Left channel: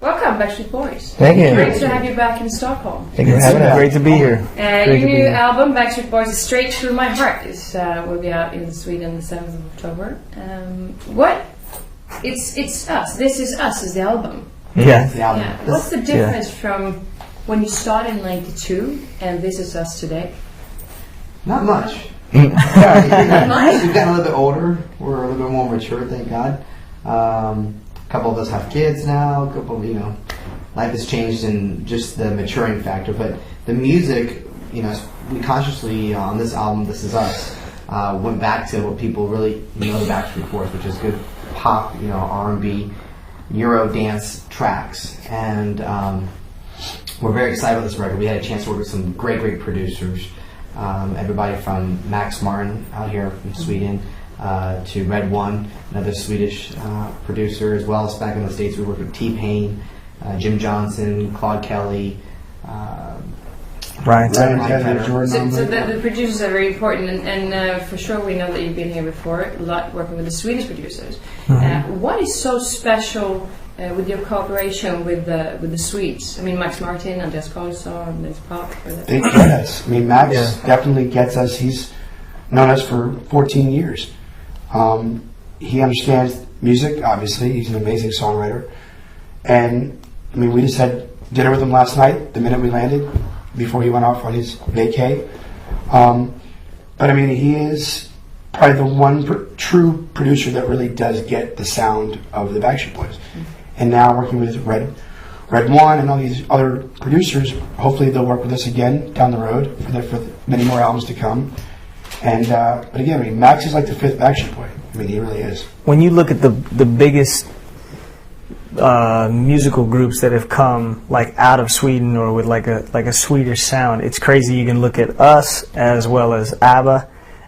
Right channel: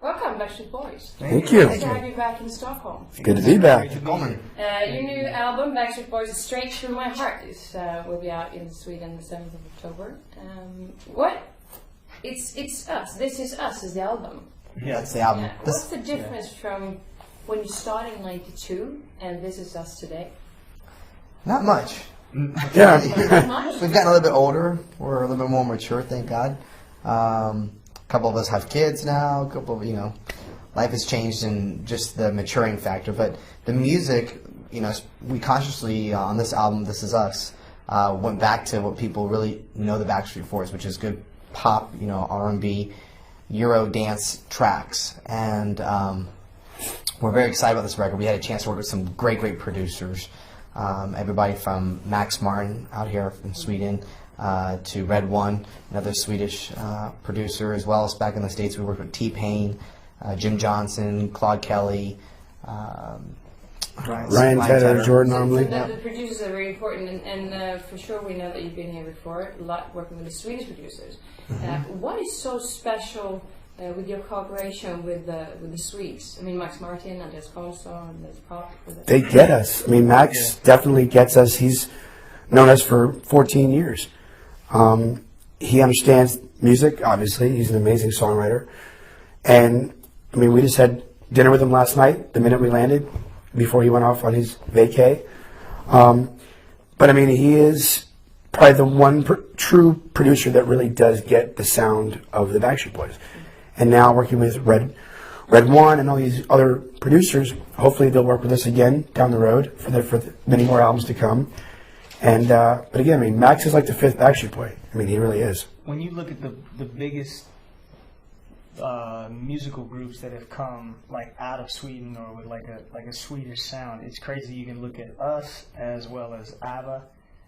Welcome, Backstreet Boys. Thank you. Nice to have you back in Stockholm. Thank you for having us. Great to be here. Your new album, Backstreet Boys, is Straight Through My Heart. Will be out in Sweden the 7th of October. It's us. This is us is the album. Yeah, it's the album. Yeah. What's the difference from when you started in '92 and This Is Us today? Not much. Not much? We've gotten a little bit older. We're a little bit more mature, thank God. A couple of us have kids now. A couple, life has changed in just the maturing factor. But the music, we consciously on this album, This Is Us, went back to what people really know the Backstreet Boys, which is good pop, R&B, Euro dance tracks, and we're very excited about this record. We had a chance to work with some great producers. Everybody from Max Martin out here from Sweden to Red One, another Swedish producer, as well as back in the States we worked with T-Pain, Jim Johnson, Claude Kelly, Ryan Tedder, Jordan. So the producers are very important, and for sure we know that you've been here before, a lot working with the Swedish producers. What is so special with your cooperation with the Swedes? I mean, Max Martin, Andreas Karlsson, Andreas Pop. They get us. I mean, Max definitely gets us. He's known us for 14 years. He understands music, obviously. He's an amazing songwriter. And, I mean, we just had dinner with him last night, the minute we landed, before he went off on his vacay. But, I mean, he is probably the one true producer that really does get the sound of the Backstreet Boys. And now working with Red One and all these other producers, hopefully they'll work with us again down the road for many more albums to come. And but again, I mean, Max is like the fifth Backstreet Boy. I mean, he really is. When you look at the biggest musical groups that have come like out of Sweden or with like a Swedish sound, it's crazy. You can look at us as well as ABBA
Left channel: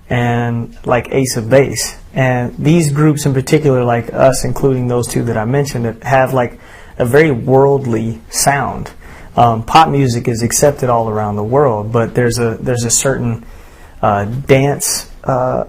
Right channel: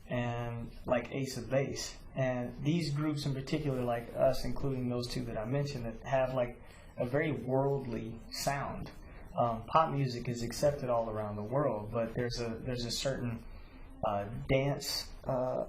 and like Ace of Base. And these groups in particular, like us, including those two that I mentioned, that have like a very worldly sound. Pop music is accepted all around the world, but there's a certain dance, I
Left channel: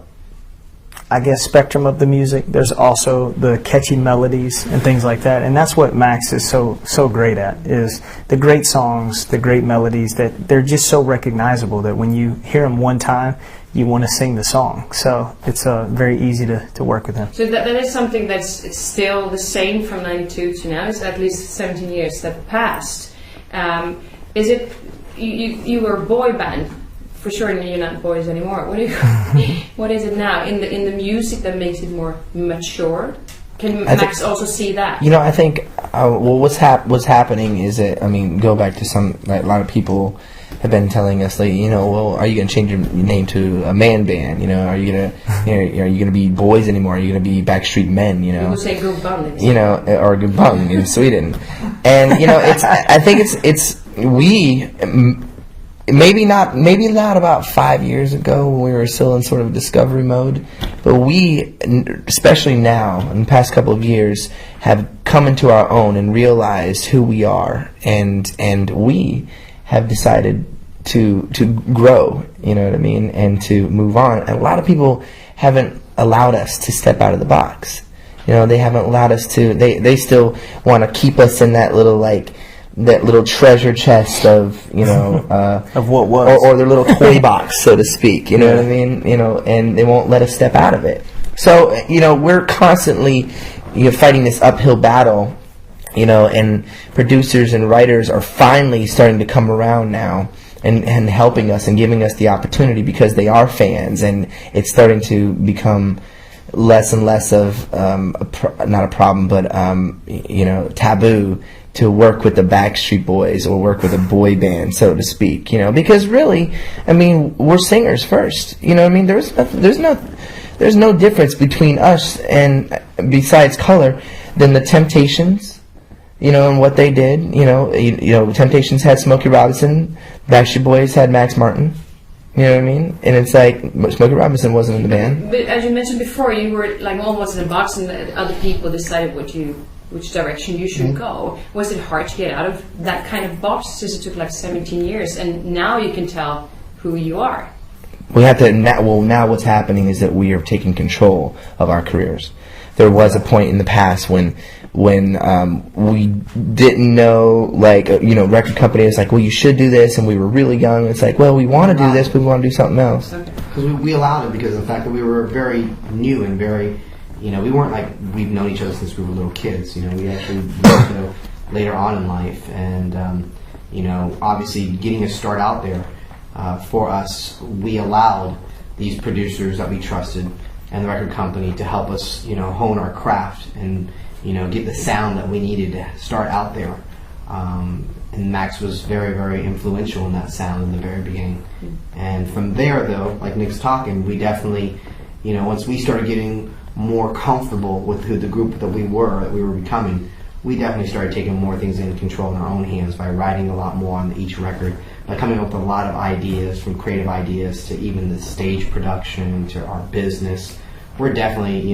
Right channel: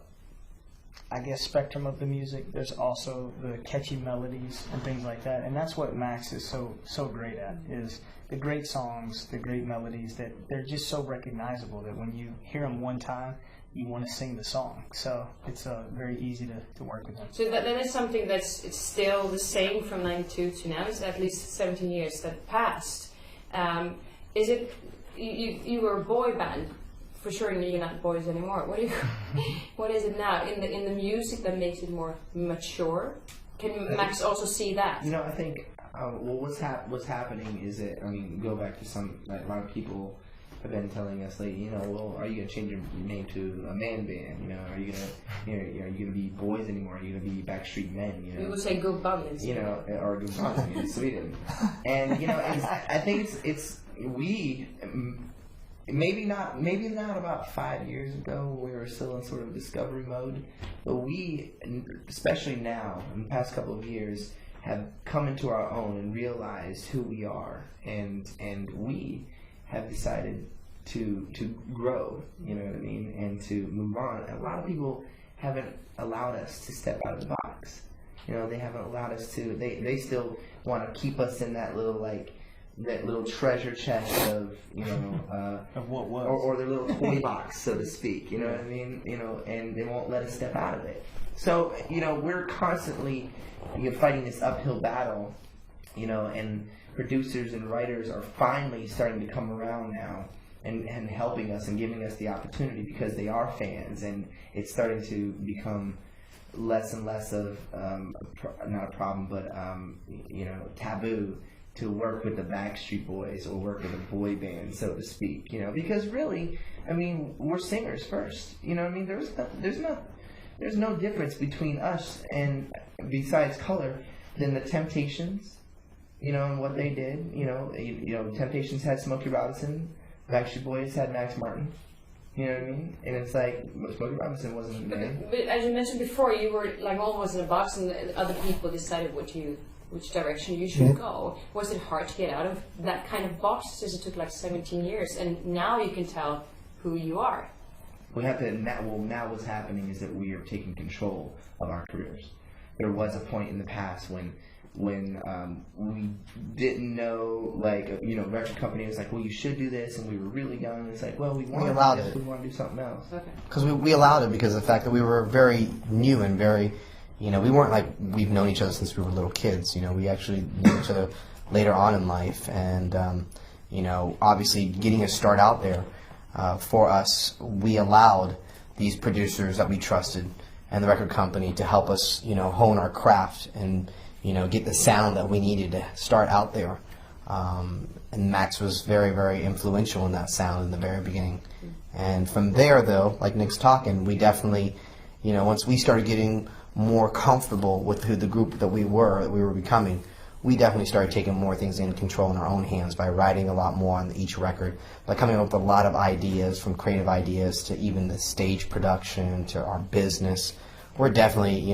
guess, spectrum of the music. There's also the catchy melodies and things like that, and that's what Max is so great at, is the great songs, the great melodies, that they're just so recognizable that when you hear them one time, you want to sing the song. So it's very easy to work with him. So that is something it's still the same from '92 to now. It's at least 17 years that passed. Is it you were a boy band? For sure, you're not boys anymore. What is it now in the music that makes it more mature? Can Max also see that? I think what's happening is that, I mean, go back to a lot of people have been telling us, like, well, are you going to change your name to a man band? Are you going to are you going to be boys anymore? Are you going to be Backstreet Men? People say Gubbang. Or Gubbang in Sweden. And I think it's we. Maybe not about 5 years ago when we were still in sort of discovery mode, but we, especially now, in the past couple of years, have come into our own and realized who we are, and we have decided to grow, you know what I mean, and to move on. And a lot of people haven't allowed us to step out of the box. They haven't allowed us to. They still want to keep us in that little treasure chest of of what was, or their little toy box, so to speak. You know what I mean? And they won't let us step out of it. So we're constantly fighting this uphill battle. And producers and writers are finally starting to come around now and helping us and giving us the opportunity because they are fans, and it's starting to become less and less of not a problem, but taboo to work with the Backstreet Boys or work with a boy band, so to speak, because really, I mean, we're singers first, I mean, there's no difference between us and, besides color, than the Temptations, and what they did, Temptations had Smokey Robinson, Backstreet Boys had Max Martin, you know what I mean? And it's like, Smokey Robinson wasn't in the band. But as you mentioned before, you were like almost in a box, and other people decided which direction you should go. Was it hard to get out of that kind of box since it took like 17 years, and now you can tell who you are? We have to now what's happening is that we are taking control of our careers. There was a point in the past when when we didn't know, like, record company was like, well, you should do this, and we were really young. It's like, well, we want to do this, but we want to do something else. Because we allowed it because of the fact that we were very new and very, we weren't like we've known each other since we were little kids. We actually knew each other later on in life, and obviously getting a start out there for us, we allowed these producers that we trusted and the record company to help us, hone our craft and get the sound that we needed to start out there. And Max was very, very influential in that sound in the very beginning. And from there, though, like Nick's talking, we definitely, once we started getting more comfortable with who the group that we were becoming, we definitely started taking more things into control in our own hands by writing a lot more on each record, by coming up with a lot of ideas, from creative ideas to even the stage production to our business. We're definitely,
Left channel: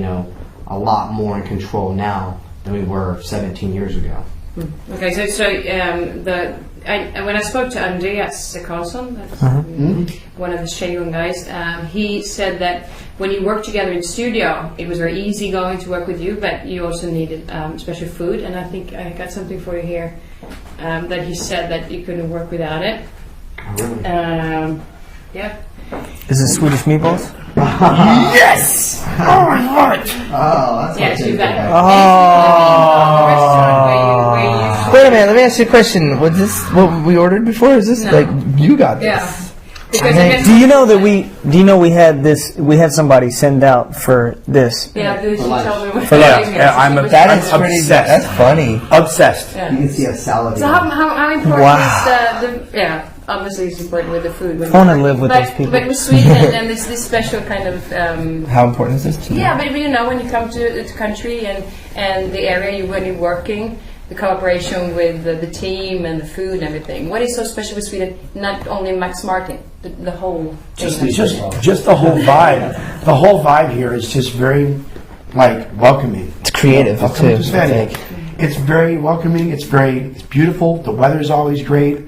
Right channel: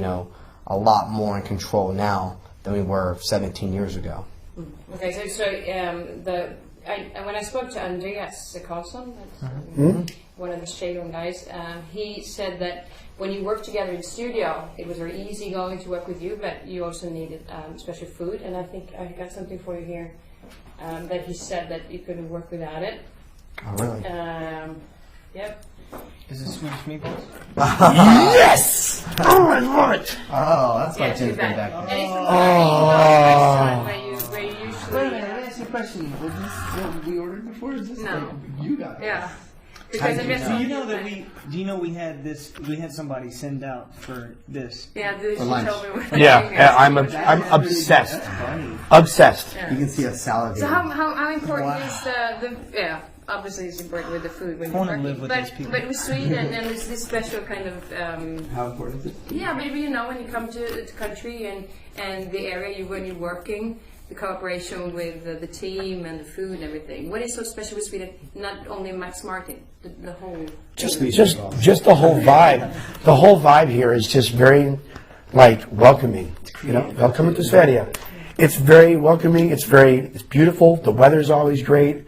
a lot more in control now than we were 17 years ago. Okay, so when I spoke to Andreas Karlsson, that's one of the Shagun guys, he said that when you work together in the studio, it was very easy going to work with you, but you also needed special food, and I think I got something for you here that he said that you couldn't work without it. Oh, really? Yeah. Is it Swedish meatballs? Yes! Oh, I love it! Oh, that's Yeah, okay. she's back. Oh. Wait a minute, let me ask you a question. Was this what we ordered before? Is this No. like you got this? Yeah. Because I guess Do you know that we had this? We had somebody send out for this. yeah, she told me. That is pretty. obsessed. That's funny. Obsessed. Yeah. You can see a salad. So how important Wow. is the obviously it's important with the food. I want to live with those people. But with Sweden and there's this special kind of How important is this to you? yeah, but when you come to the country and the area when you're working, the cooperation with the team and the food and everything. What is so special with Sweden? Not only Max Martin, the whole thing. Just the whole vibe. The whole vibe here is just very, welcoming. It's creative That's too. what I'm saying. It's very welcoming. It's beautiful. The weather's always great.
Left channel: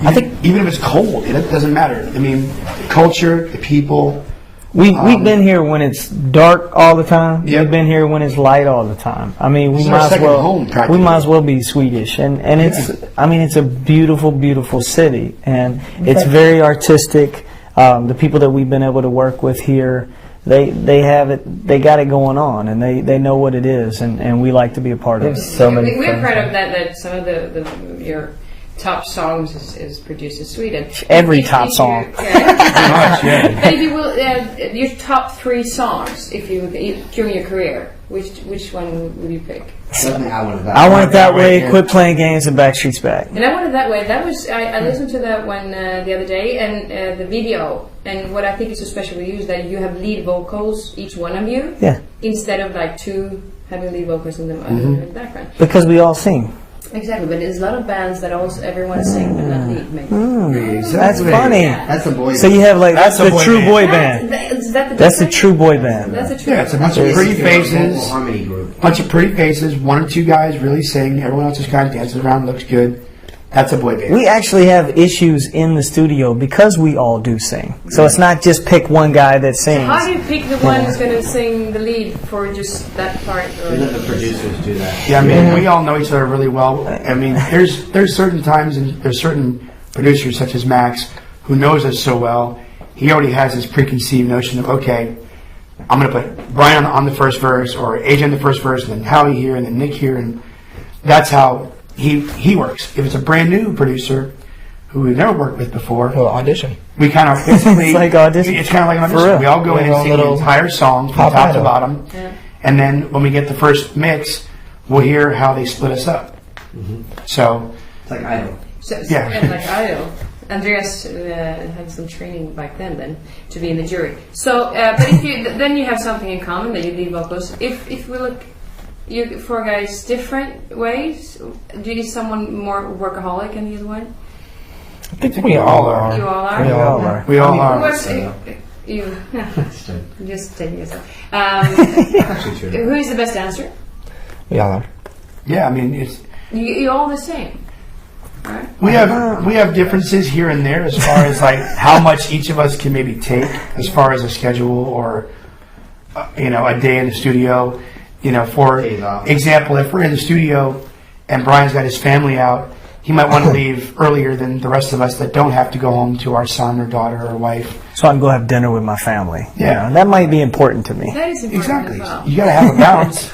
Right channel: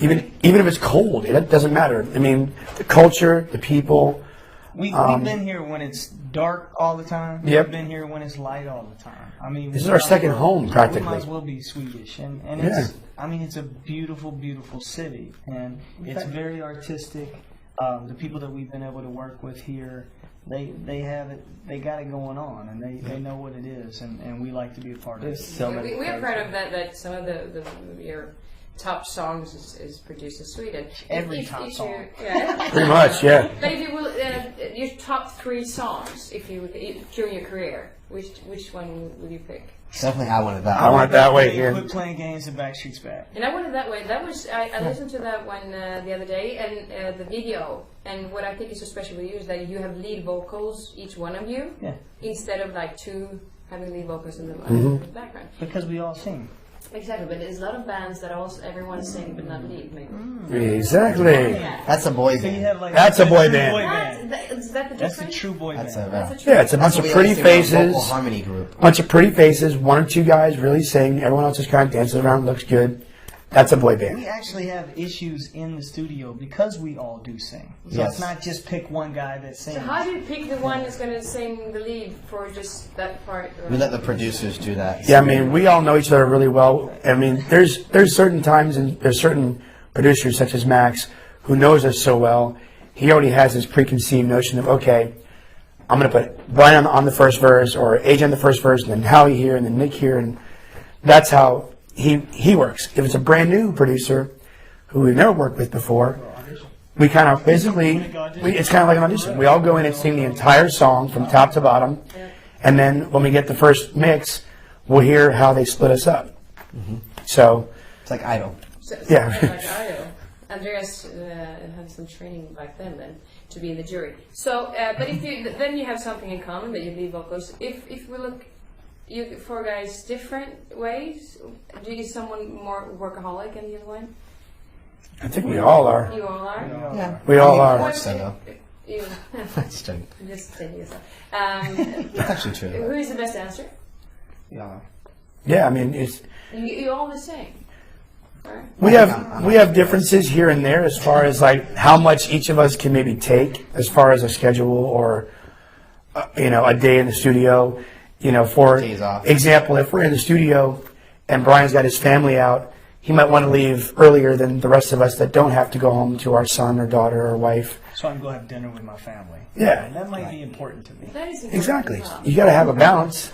I think even if it's cold, it doesn't matter. I mean, the culture, the people. We've been here when it's dark all the time. Yep. We've been here when it's light all the time. I mean, This is our second home, practically. we might as well be Swedish, and it's a beautiful, beautiful city, and it's very artistic. The people that we've been able to work with here, they have it, they got it going on, and they know what it is, and we like to be a part of it. So many. We're friends. proud of that some of your top songs is produced in Sweden. Every If top you- song. yeah. But if you will, your top 3 songs, if you during your career, which one would you pick? Definitely I wanted that. I Want It That Way, Yeah. Quit Playing Games, and Backstreet's Back. And I wanted that way. That was I listened to that one the other day, and the video. And what I think is so special with you is that you have lead vocals, each one of you, Yeah, instead of like 2 having lead vocals in the background. because we all sing. Exactly, but there's a lot of bands that also everyone sing but not lead. Maybe. That's funny. That's a boy. So you have that's That's a the boy true band. boy band. Is that the That's the difference? true boy band. That's a true. Yeah, it's a bunch of pretty Vocal faces. harmony group. Bunch of pretty faces. 1 or 2 guys really sing. Everyone else is kind of dancing around. Looks good. That's a boy band. We actually have issues in the studio because we all do sing. So it's not just pick one guy that sings. How do you pick the one who's going to sing the lead for just that part? We let the producers do that. Yeah, I mean, we all know each other really well. I mean, there's certain times and there's certain producers such as Max who knows us so well. He already has his preconceived notion of, okay, I'm going to put Brian on the first verse or AJ on the first verse, and then Howie here and then Nick here, and that's how he works. If it's a brand new producer who we've never worked with before, Well, audition. we kind of basically It's like audition. It's kind of like an For audition. real. We all go in and Little- sing the little entire song from pop top to idol. bottom, and then when we get the first mix, we'll hear how they split us up. So It's like Idol. So, Yeah. like Idol. Andreas had some training back then to be in the jury. So, but if you then you have something in common that you lead vocals. If we look, you 4 guys different ways. Do you someone more workaholic than the other one? I think we all are. You all are. We all Yeah. are. we all Who are. was- so, you It's true. just taking yourself. Actually true. Who is the best dancer? We all are. Yeah, I mean, it's You're all the same. Right? we have differences here and there as far as like how much each of us can maybe take as far as a schedule or a day in the studio. You know, for Days off. example, if we're in the studio and Brian's got his family out, he might want to leave earlier than the rest of us that don't have to go home to our son or daughter or wife. So I can go have dinner with my family. Yeah. You know, and that might be important to me. That is important Exactly. as well. You gotta have a balance.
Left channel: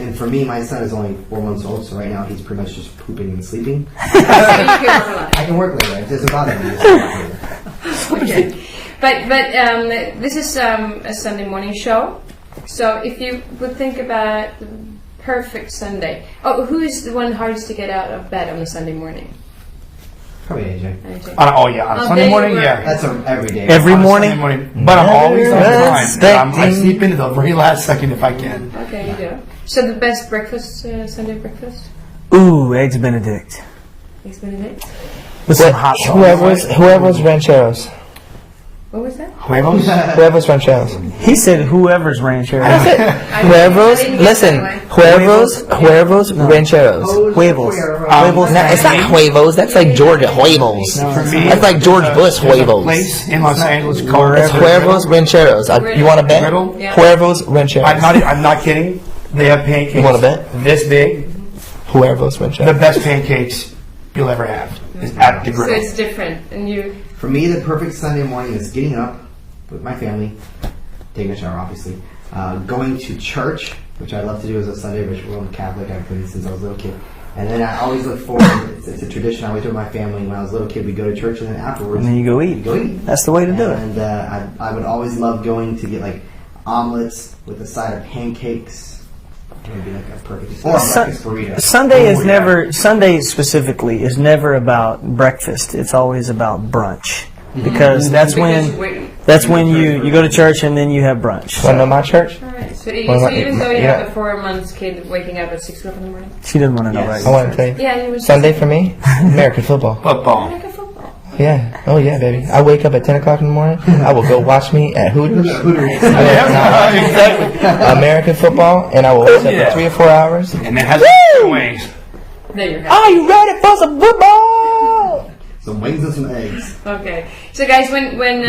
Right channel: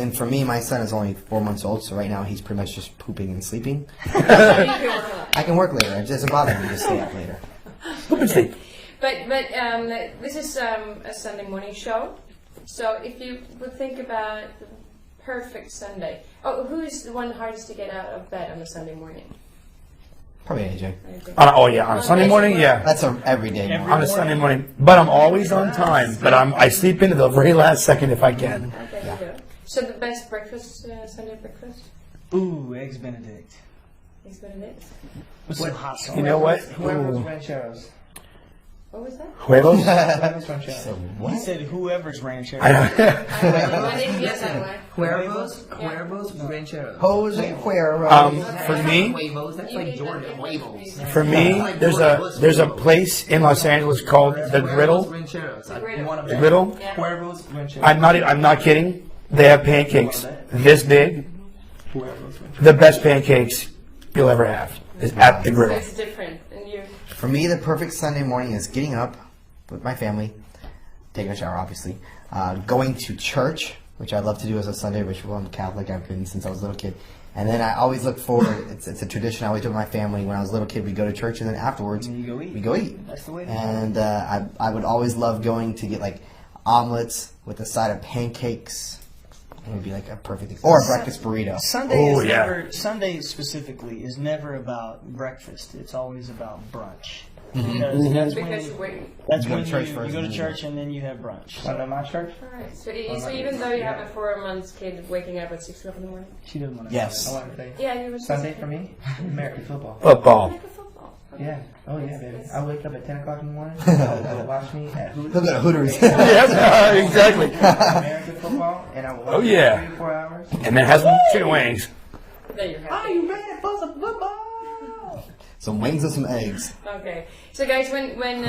And for me, my son is only 4 months old, so right now he's pretty much just pooping and sleeping. So you can work a lot. I can work later. It doesn't bother me. Just work later. Okay. But this is a Sunday morning show. So if you would think about the perfect Sunday. Oh, who is the one hardest to get out of bed on a Sunday morning? Probably AJ. AJ. Oh yeah, on Oh, Sunday there morning, you were. yeah. That's every day. Every On a morning? Sunday morning. But I'm always on time. Expecting- I sleep into the very last second if I can. Okay, you go. So the best breakfast, Sunday breakfast? Ooh, eggs Benedict Eggs Benedict? with some hot sauce. Whoever's rancheros. What was that? Huevos? Whoever's rancheros. He said whoever's ranchero. Huevos. I didn't Listen. get that Huevos rancheros. Huevos. Huevos. No, it's not huevos. That's like Georgia huevos. For me, That's like George Bush there's a huevos. place in Los Angeles called It's huevos rancheros. You want to bet? Riddle? Yeah. Huevos rancheros. I'm not kidding. They have pancakes. You wanna bet? This big. Huevos The rancheros. best pancakes you'll ever have is at the So grill. it's different. And you, For me, the perfect Sunday morning is getting up with my family, taking a shower, obviously, going to church, which I love to do as a Sunday ritual. I'm Catholic. I've been since I was a little kid. And then I always look forward. It's a tradition I always do with my family. When I was a little kid, we go to church, and then afterwards, And then you go we eat. go eat. That's the way to do it. And I would always love going to get like omelets with a side of pancakes. It would be like a perfect or a breakfast burrito. Sunday is Oh, yeah. never, Sunday specifically is never about breakfast. It's always about brunch. Because that's when you go to church and then you have brunch. Want to know my church? Alright, so, Well, so even though you yeah. have a 4 months kid waking up at 6 o'clock in the morning? She doesn't want to know Yes. I right. want to tell you. Yeah, you were Sunday for me, American football. Football. Like a football. Yeah. Oh yeah, baby. I wake up at 10 o'clock in the morning. I will go watch me at Hooters. Exactly. American football, and I will wake up Yeah. for 3 or 4 hours. And it has two ways. There you go. Are you ready for some football? Some wings and some eggs. Okay. So guys, when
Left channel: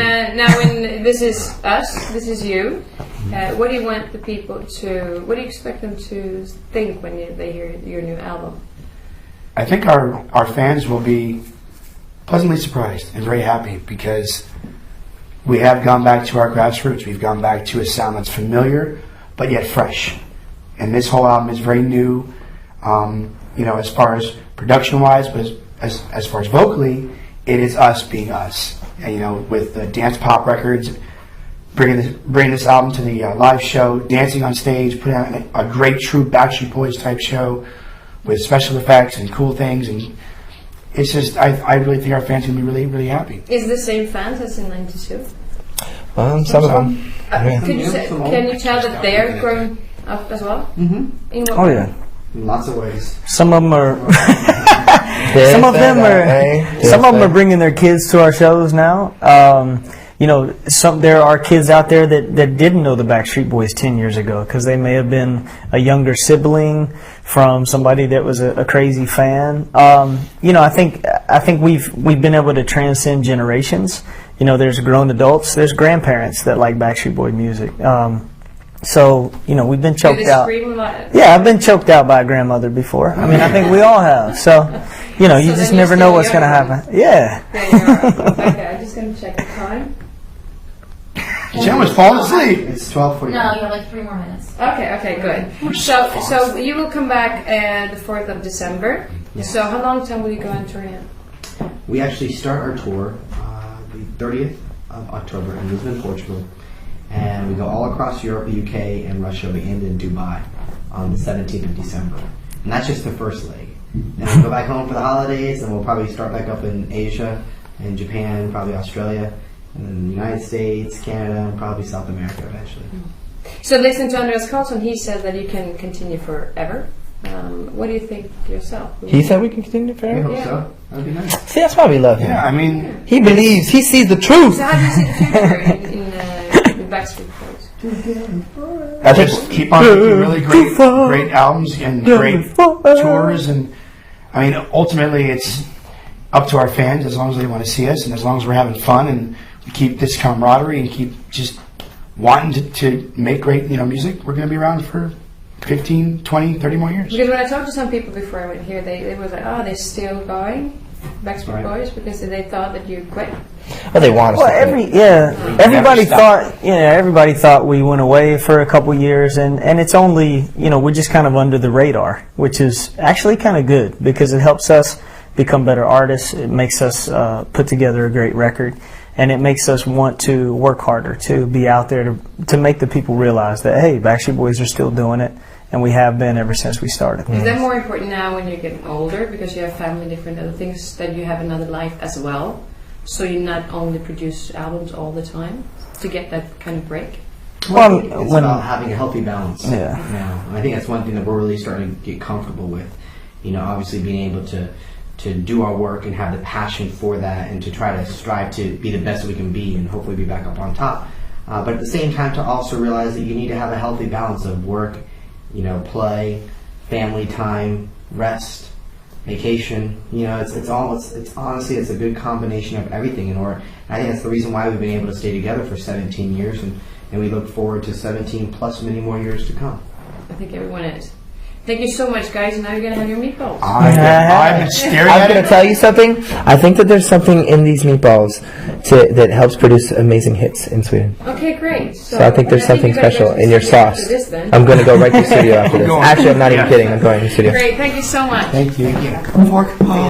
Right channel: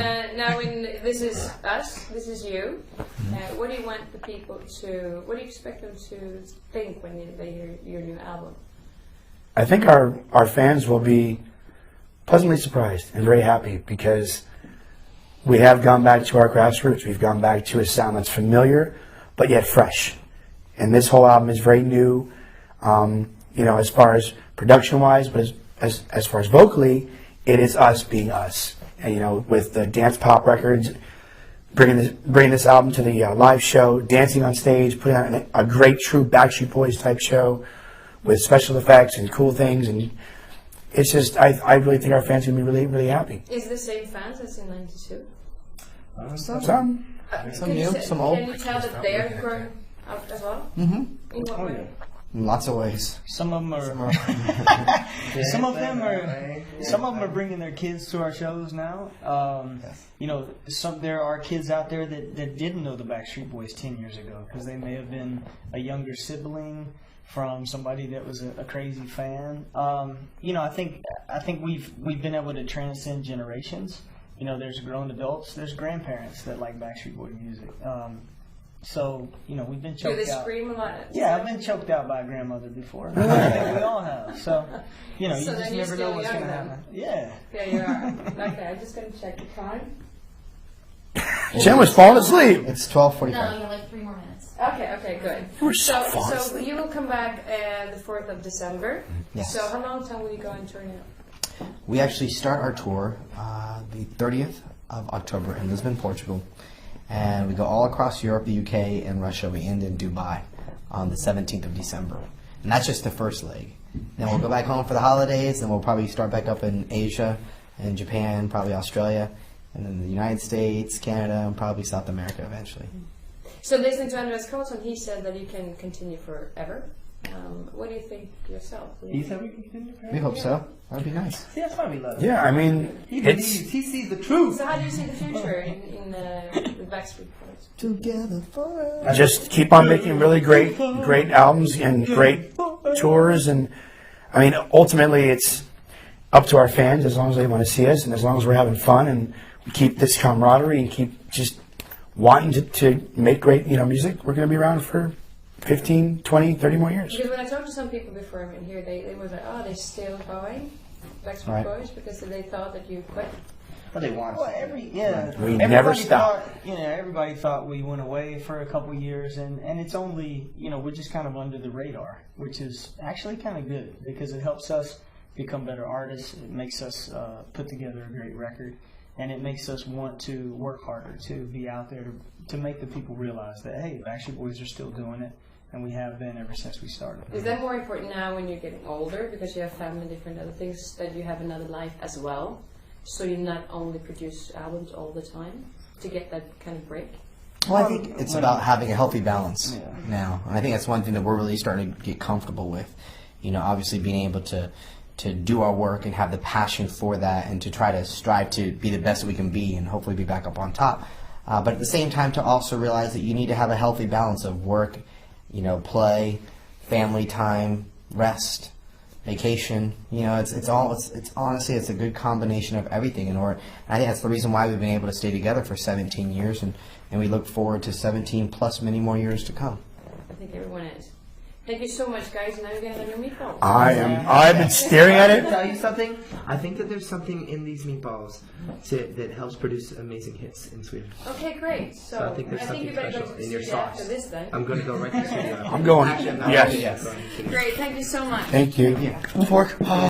this is us, this is you. What do you want the people to? What do you expect them to think when they hear your new album? I think our fans will be pleasantly surprised and very happy because we have gone back to our grassroots. We've gone back to a sound that's familiar but yet fresh. And this whole album is very new, as far as production-wise, but as far as vocally, it is us being us. And, with the dance pop records, bringing this album to the live show, dancing on stage, putting on a great true Backstreet Boys type show with special effects and cool things, and it's just I really think our fans are gonna be really, really happy. Is the same fans as in '92? Some of them. Yeah. Can you tell that they're growing up as well? Mm-hmm. In what Oh way? yeah. In lots of ways. Some of them are. Some of them are bringing their kids to our shows now. There are kids out there that didn't know the Backstreet Boys 10 years ago because they may have been a younger sibling from somebody that was a crazy fan. I think we've been able to transcend generations. There's grown adults, there's grandparents that like Backstreet Boy music. We've been Do choked they out. scream about it? Yeah, I've been choked out by a grandmother before. I mean, I think we all have. So, you So just then never you're know still what's going to young. happen. Yeah. There you are. Okay, I'm just going to check the time. Jen was falling asleep. It's 12:40. No, you have like 3 more minutes. Okay, good. So you will come back the 4th of December. Yes. So how long time will you go on tour now? We actually start our tour the 30th of October in Lisbon, Portugal. And we go all across Europe, the UK, and Russia. We end in Dubai on the 17th of December. And that's just the first leg. Then we'll go back home for the holidays, and we'll probably start back up in Asia and Japan, probably Australia, and then the United States, Canada, and probably South America eventually. So listening to Andreas Karlsson, he said that you can continue forever. What do you think yourself? He said we can continue We forever. hope Yeah. so. That would be nice. See, that's why we love him. Yeah, I mean, He believes. He sees the truth. So how do you see the future in the Backstreet Boys? I just keep on making really great albums and great tours, and I mean, ultimately, it's up to our fans as long as they want to see us, and as long as we're having fun, and we keep this camaraderie and keep just wanting to make great music. We're going to be around for 15, 20, 30 more years. Because when I talked to some people before I went here, they was like, oh, they're still going, Backstreet Boys, because they thought that you quit. Well, they want us Well, to quit. everybody thought we went away for a couple years, and it's only, we're just kind of under the radar, which is actually kind of good because it helps us become better artists. It makes us put together a great record, and it makes us want to work harder, to be out there to make the people realize that, hey, Backstreet Boys are still doing it, and we have been ever since we started. Is that more important now when you're getting older because you have family, different other things, that you have another life as well? So you not only produce albums all the time to get that kind of break? Well, it's about having a healthy balance Yeah. now. And I think that's one thing that we're really starting to get comfortable with. Obviously being able to do our work and have the passion for that and to try to strive to be the best we can be and hopefully be back up on top. But at the same time to also realize that you need to have a healthy balance of work, play, family time, rest, vacation. It's honestly it's a good combination of everything, and I think that's the reason why we've been able to stay together for 17 years, and we look forward to 17 plus many more years to come. I think everyone is. Thank you so much, guys, and now you're going to have your meatballs. I've been staring I'm at going it. to tell you something. I think that there's something in these meatballs that helps produce amazing hits in Sweden. Okay, great. So I think there's something you better special go to the in your studio after sauce. this, then. I'm going to go right to the studio after this. No. Actually, I'm not even kidding. I'm going to the studio. Great, thank you so much. Thank you. Thank you.